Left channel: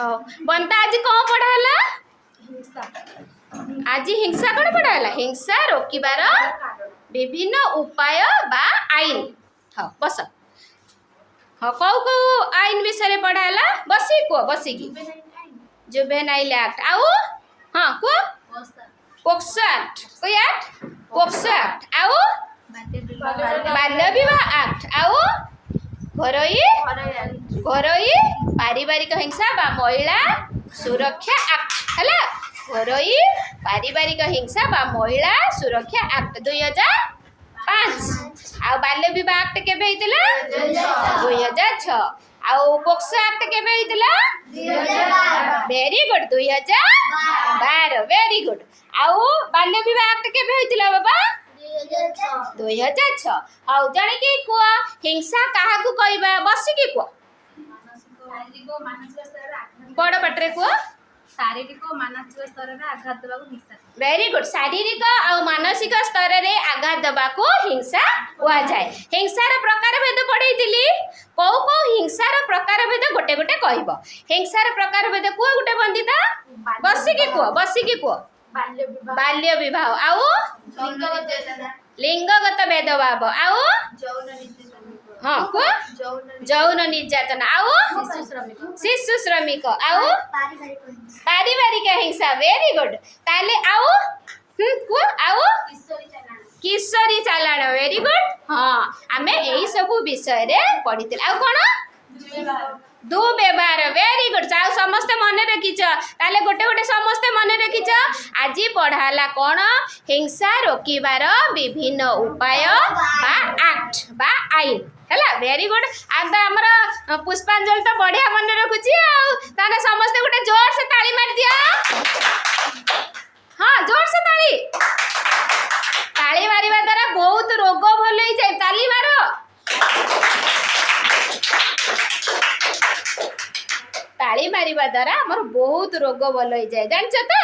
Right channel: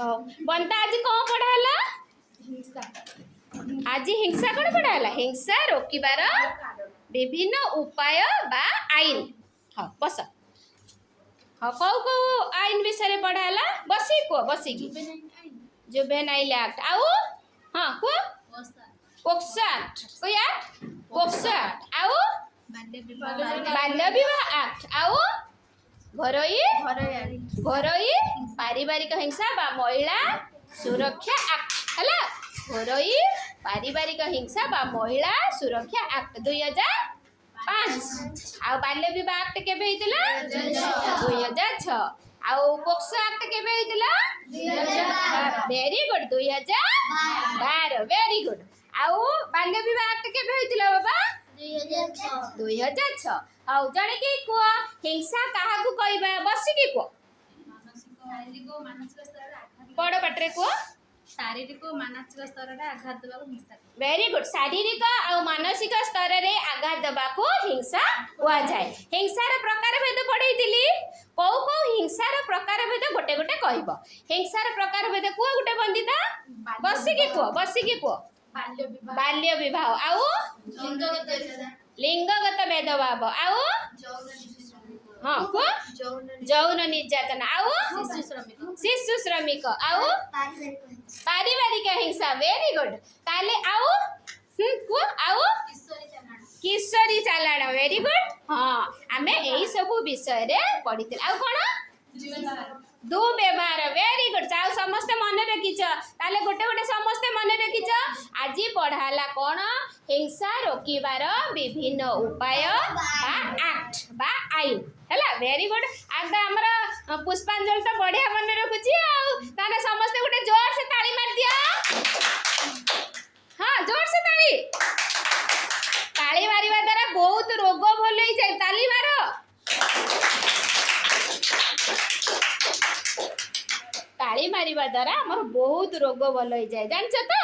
बंता आज कौन पढ़ाला आज हिंसा कौन पढ़ाला हिंसा रोकिबार विभिन्न उपाय बा आईन। हाँ बस हाँ कौ कौ आईन विषय पढ़ाला बसी को बसिकी जुवेनाइल एक्ट आउ हाँ को पोक्सो एक्ट कोई एक्ट पोक्सो एक्ट आउ बाल्य विवाह एक्ट आउ घरोई पारिवारिक हिंसा बा महिला सुरक्षा एक्ट है घरोई पारिवारिक हिंसा बा महिला सुरक्षा एक्ट 2005 आ बाल्य विवाह एक्ट केबे हितला 2006 आ पोक्सो एक्ट केबे हितला 2012 वेरी गुड 2012 वेरी गुड आ बाल्य विवाह एक्ट केबे हितला बाबा 2006 आउ जाने के को हिंसा काहा को कहबा बसिकी को बड़ पटरे को शारीरिक और मानसिक स्तर रे आघात देबा को हिंसा वेरी गुड शारीरिक और मानसिक स्तर रे आघात देबा को हिंसा हुआ जाए। हिंसार प्रकार भेद पढ़ेइतिली को हिंसार प्रकार भेद गोटे गोटे कहबो हिंसार प्रकार भेद को गोटे बंदिता बसिकी को बाल्य विवाह आउ लिंगगत भेदभाव आउ हाँ को जौन निर्यातन आउ शिशु श्रमिक आउ पारिवारिक हिंसा वेरी गुड ताले आउ को आउ किशोरी चालाण वेरी गुड हाँ आमे एही सब विषय रे पढ़िते आउ कोन दुर्व्यवहार वेरी गुड आउ समस्त मन रखिछ ताले गोटे गोटे समस्त मन रखिछ आज पढ़ाला कोन हिंसा रोकिबार विभिन्न उपाय बा एक्ट बा आईन हैला वेरी गुड आज हमर पुष्पांजलि तो बढ़िया मन रखुची ताने समस्त गोटे जोर से ताली मार दिया हाँ जोर से ताली मारिबा द्वारा बहुत रोग भल हो जाए ताली मारो ताली मारिबा द्वारा हमर बहुत रोग भल हो जाए जानछ तो।